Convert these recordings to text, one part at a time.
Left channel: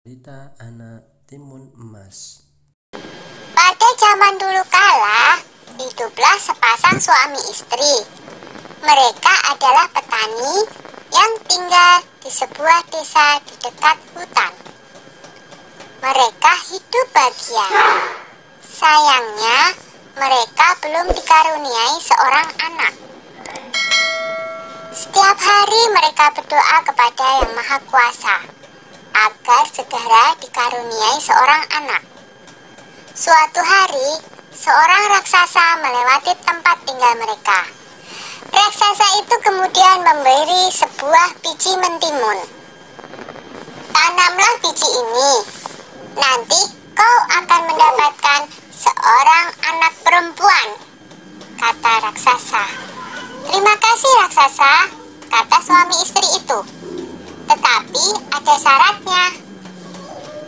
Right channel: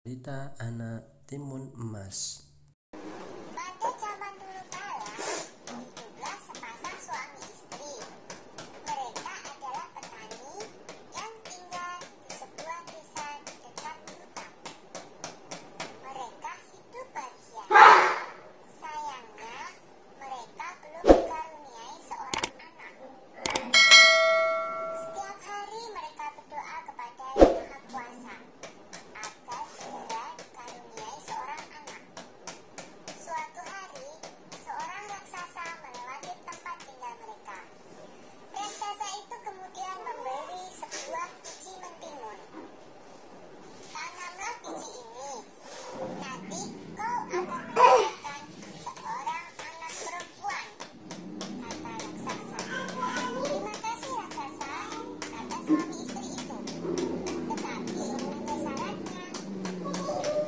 Cerita anak timun emas. Pada zaman dulu kala, hiduplah sepasang suami istri. Mereka adalah petani yang tinggal di sebuah desa di dekat hutan. Mereka hidup bahagia. Sayangnya, mereka belum dikaruniai seorang anak. Setiap hari mereka berdoa kepada Yang Maha Kuasa agar segera dikaruniai seorang anak. Suatu hari, seorang raksasa melewati tempat tinggal mereka. Raksasa itu kemudian memberi sebuah biji mentimun. Tanamlah biji ini, nanti kau akan mendapatkan seorang anak perempuan, kata raksasa. Terima kasih raksasa, kata suami istri itu. Tetapi ada syaratnya.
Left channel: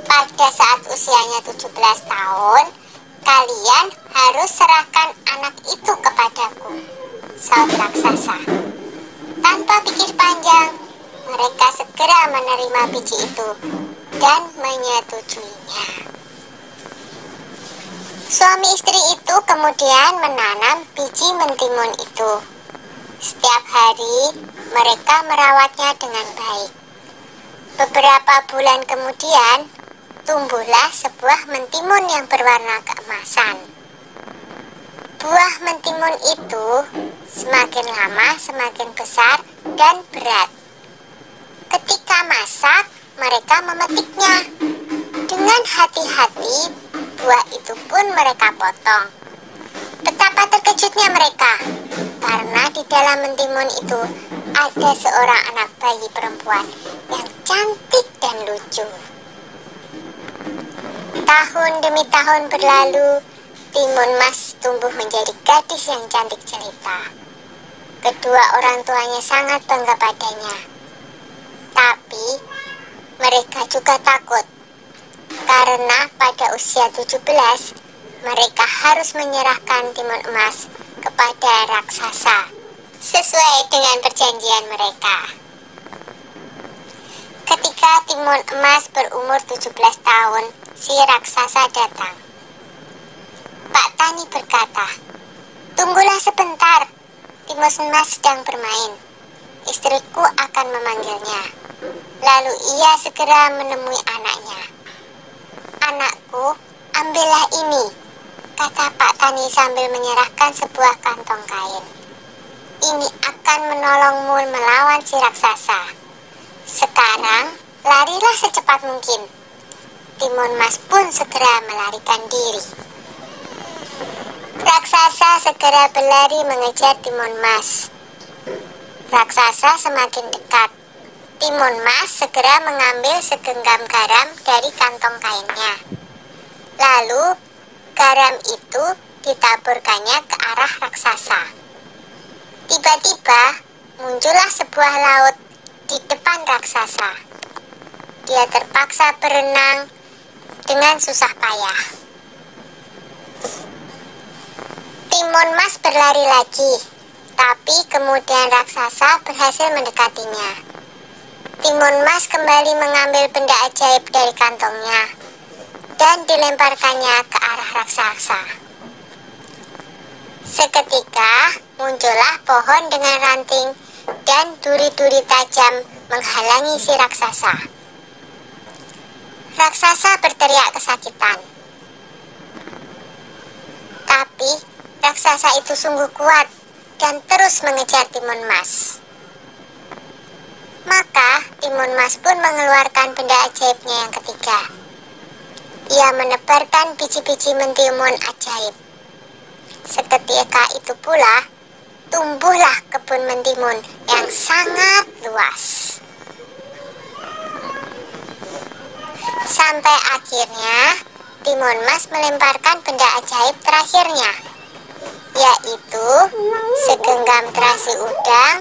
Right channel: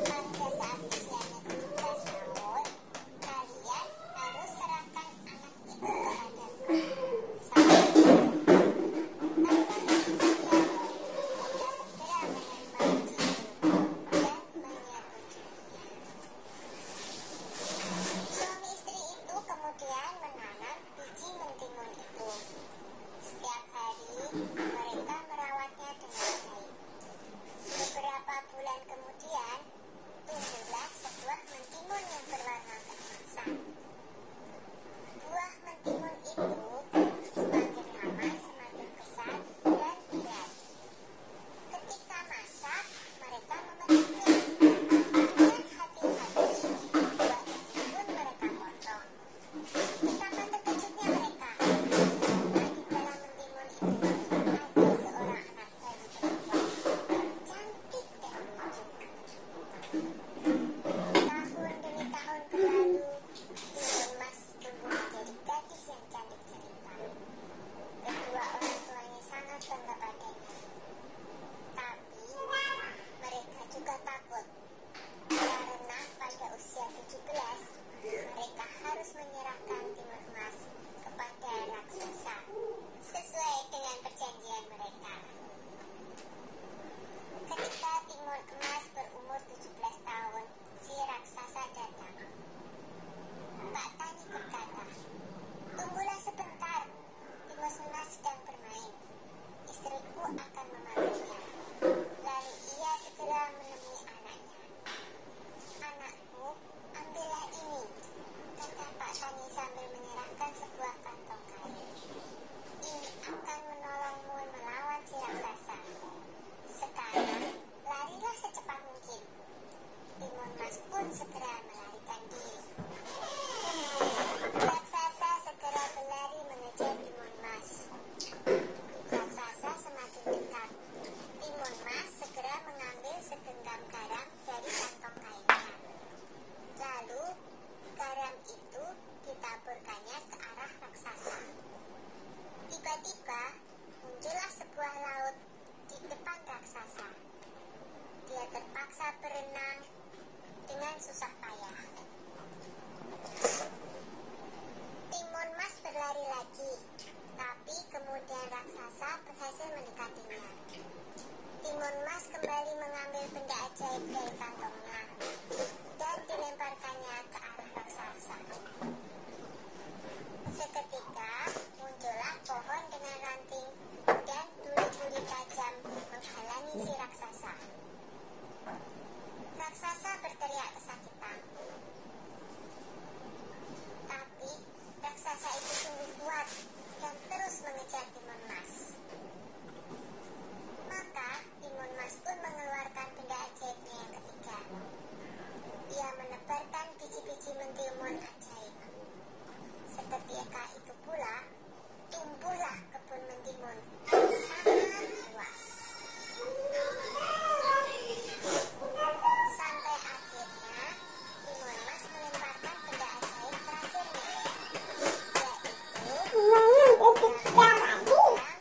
Pada saat usianya 17 tahun, kalian harus serahkan anak itu kepadaku, saut raksasa. Tanpa pikir panjang, mereka segera menerima biji itu dan menyetujuinya. Suami istri itu kemudian menanam biji mentimun itu. Setiap hari mereka merawatnya dengan baik. Beberapa bulan kemudian, tumbuhlah sebuah mentimun yang berwarna keemasan. Buah mentimun itu semakin lama semakin besar dan berat. Ketika masak, mereka memetiknya. Dengan hati-hati, buah itu pun mereka potong. Betapa terkejutnya mereka, karena di dalam mentimun itu ada seorang anak bayi perempuan yang cantik dan lucu. Tahun demi tahun berlalu, timun mas tumbuh menjadi gadis yang cantik jelita. Kedua orang tuanya sangat bangga padanya. Tapi mereka juga takut, karena pada usia 17, mereka harus menyerahkan timun emas kepada raksasa sesuai dengan perjanjian mereka. Ketika timun emas berumur 17 tahun, si raksasa datang. Pak Tani berkata, "Tunggulah sebentar, timun emas sedang bermain. Istriku akan memanggilnya." Lalu ia segera menemui anaknya. "Anakku, ambillah ini," kata Pak Tani sambil menyerahkan sebuah kantong kain. "Ini akan menolongmu melawan si raksasa. Sekarang, larilah secepat mungkin." Timun mas pun segera melarikan diri. Raksasa segera berlari mengejar timun mas. Raksasa semakin dekat. Timun mas segera mengambil segenggam garam dari kantong kainnya. Lalu, garam itu ditaburkannya ke arah raksasa. Tiba-tiba, muncullah sebuah laut di depan raksasa. Dia terpaksa berenang dengan susah payah. Timun mas berlari lagi, tapi kemudian raksasa berhasil mendekatinya. Timun mas kembali mengambil benda ajaib dari kantongnya dan dilemparkannya ke arah raksasa. Seketika muncullah pohon dengan ranting dan duri-duri tajam menghalangi si raksasa. Raksasa berteriak kesakitan. Tapi raksasa itu sungguh kuat dan terus mengejar timun mas. Maka timun mas pun mengeluarkan benda ajaibnya yang ketiga. Ia menebarkan biji-biji mentimun ajaib. Seketika itu pula, tumbuhlah kebun mentimun yang sangat luas. Sampai akhirnya, timun mas melemparkan benda ajaib terakhirnya, yaitu segenggam terasi udang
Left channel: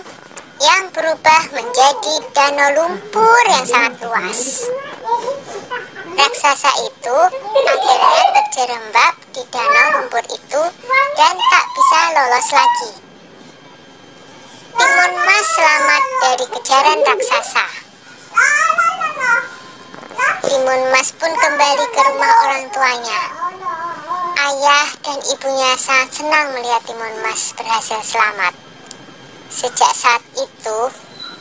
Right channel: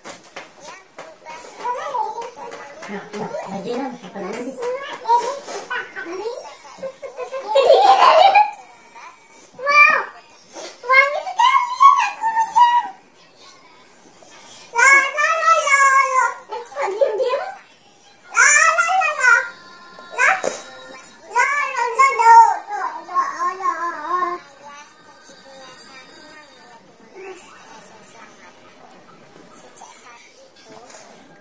yang berubah menjadi danau lumpur yang sangat luas. Raksasa itu akhirnya terjerembab di danau lumpur itu dan tak bisa lolos lagi. Timun mas selamat dari kejaran raksasa. Timun Mas pun kembali ke rumah orang tuanya. Ayah dan ibunya sangat senang melihat Timun Mas berhasil selamat. Sejak saat itu,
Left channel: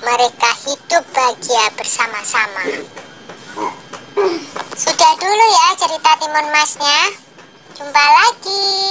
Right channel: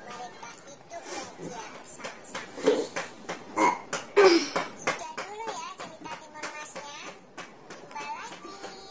mereka hidup bahagia bersama-sama. Sudah dulu ya cerita Timun Masnya. Jumpa lagi.